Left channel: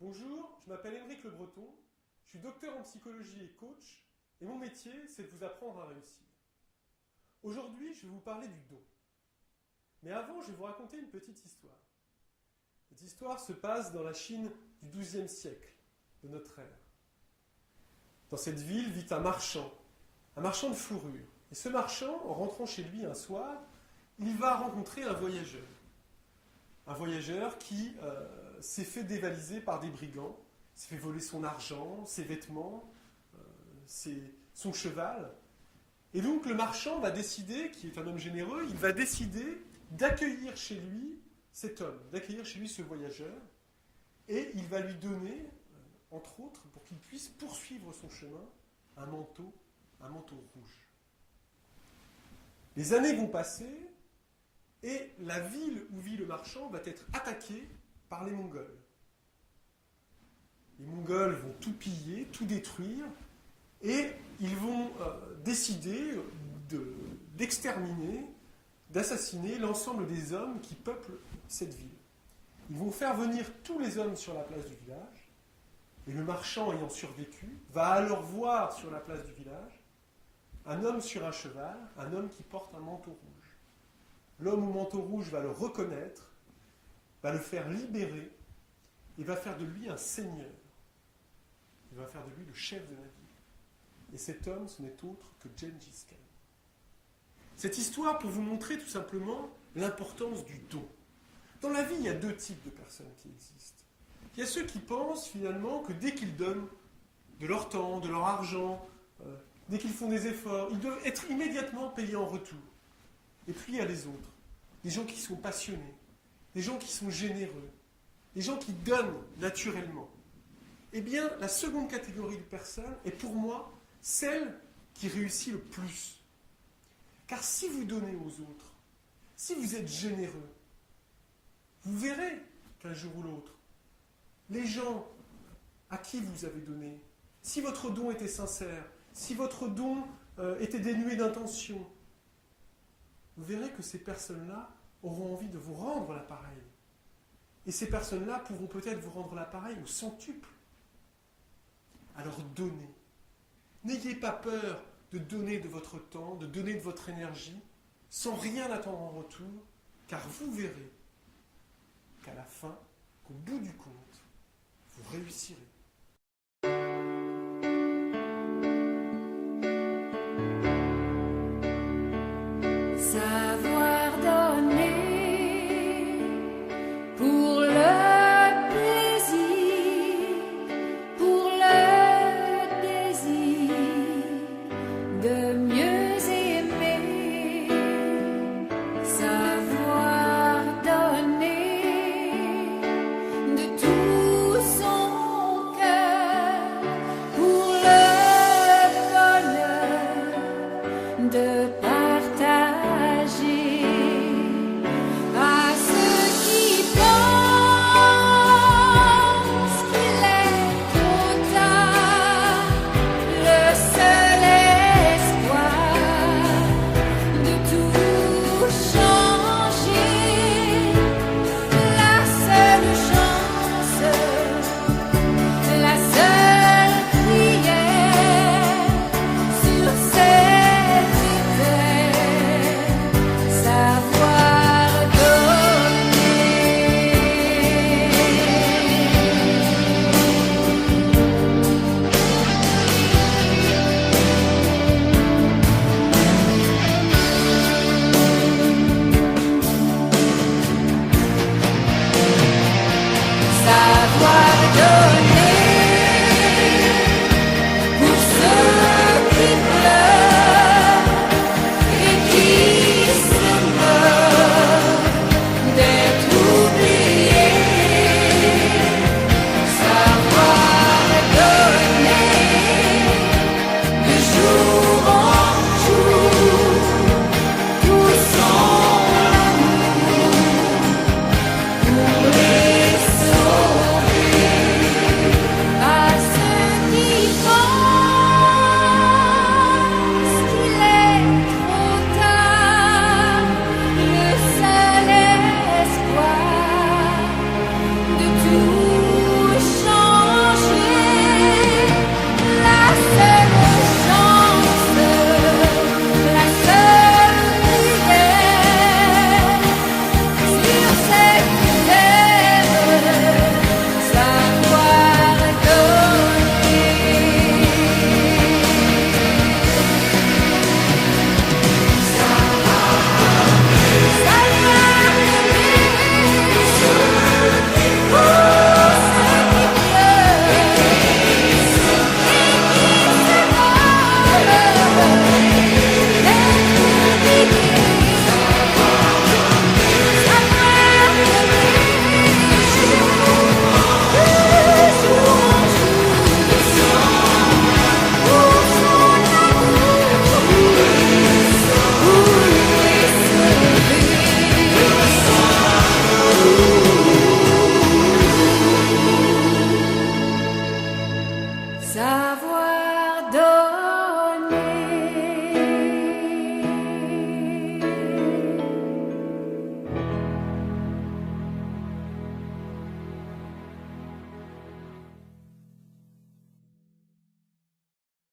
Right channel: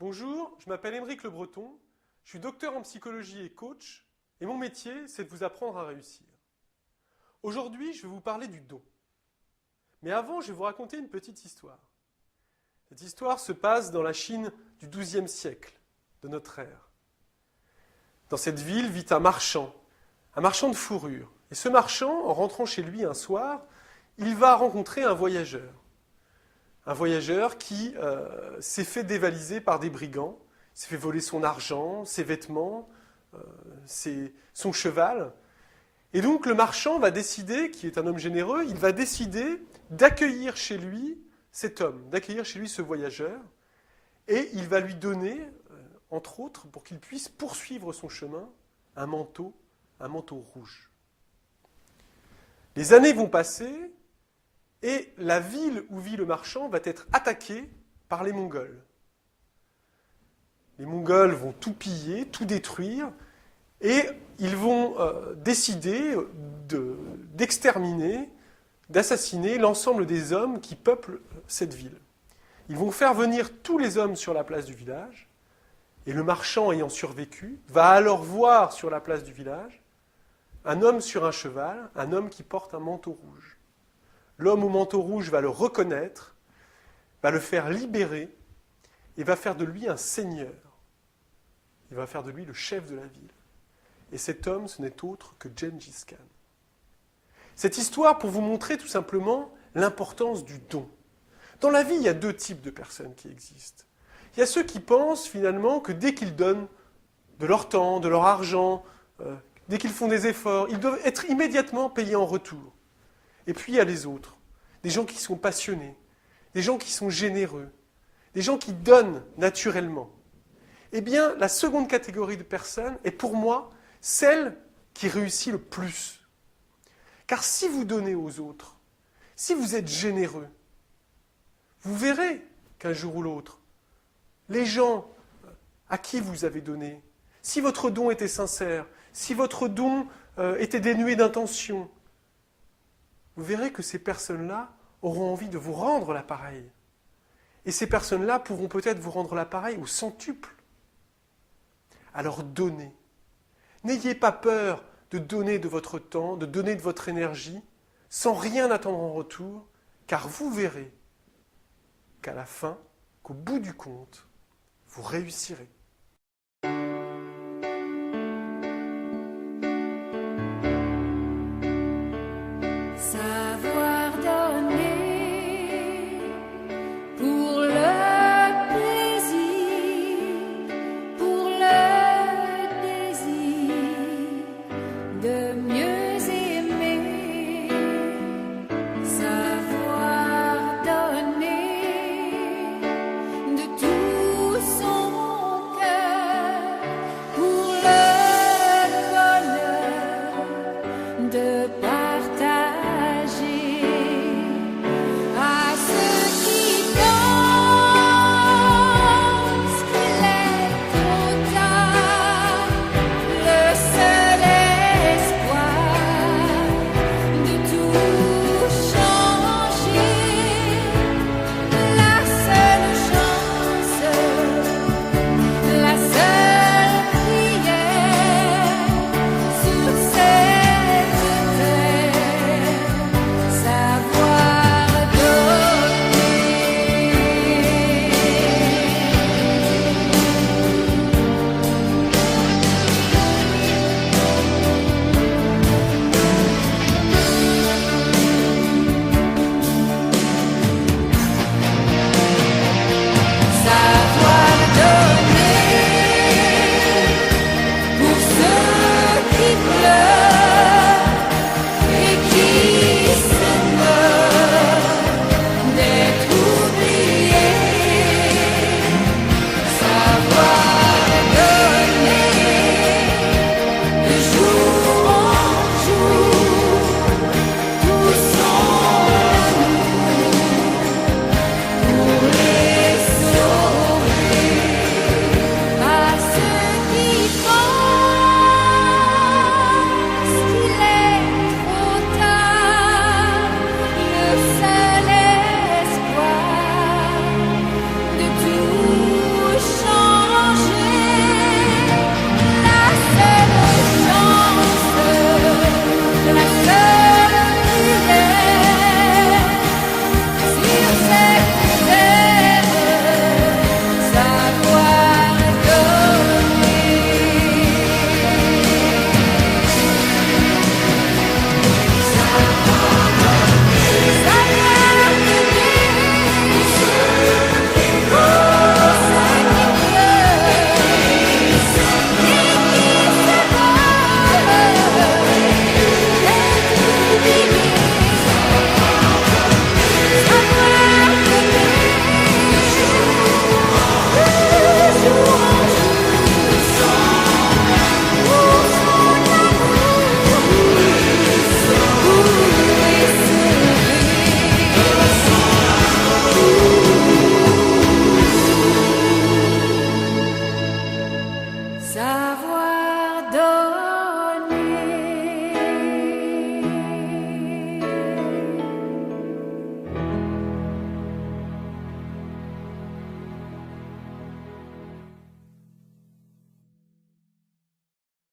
Bonjour, je m'appelle Aymeric Le Breton, je suis docteur en psychologie et coach, et mon métier, c'est de vous apprendre à réussir. Aujourd'hui, je vais vous parler du don. Mais avant, je vais vous raconter une petite histoire. Cette histoire se passe dans la Chine du XIIe siècle, de notre ère. Dans cette ville vit un marchand de fourrure. Et ce marchand, en rentrant chez lui un soir, il va rencontrer un voyageur. Un voyageur qui s'est fait dévaliser par des brigands, s'est fait voler son argent, ses vêtements, son cheval. Et donc le marchand va décider, qui est un homme généreux, il va décider d'accueillir chez lui cet homme, d'accueillir chez lui ce voyageur, et il va lui donner, entre autres, pour qu'il puisse poursuivre son chemin, un manteau rouge. Les années vont passer, et la ville où vit le marchand va être attaquée par les Mongols. Les Mongols vont tout piller, tout détruire, et ils vont décider d'exterminer, d'assassiner l'ensemble des hommes qui peuplent cette ville. Ils vont faire venir tous les hommes sur la place du village, et le marchand ayant survécu va alors voir sur la place du village un homme sur un cheval, un homme qui porte un manteau rouge. L'homme au manteau rouge va le reconnaître, va le faire libérer et va faire de lui un seigneur. Il va faire de lui le chef de la ville. Et cet homme, ce n'est autre que Gengis Khan. Cette histoire pour vous montrer tout simplement l'importance du don. Dans la vie, il y a deux types de personnes qui existent. Il y a ceux qui pensent finalement que dès qu'ils donnent de leur temps, de leur argent, dès qu'ils font des efforts, ils doivent être immédiatement payés en retour. Et puis il y a les autres, des gens qui sont passionnés, des gens qui sont généreux, des gens qui donnent naturellement. Eh bien, la seconde catégorie de personnes est pour moi celle qui réussit le plus. Car si vous donnez aux autres, si vous êtes généreux, vous verrez qu'un jour ou l'autre, les gens à qui vous avez donné, si votre don était sincère, si votre don était dénué d'intention, vous verrez que ces personnes-là auront envie de vous rendre l'appareil. Et ces personnes-là pourront peut-être vous rendre l'appareil au centuple. Alors donnez. N'ayez pas peur de donner de votre temps, de donner de votre énergie, sans rien attendre en retour, car vous verrez qu'à la fin, qu'au bout du compte, vous réussirez.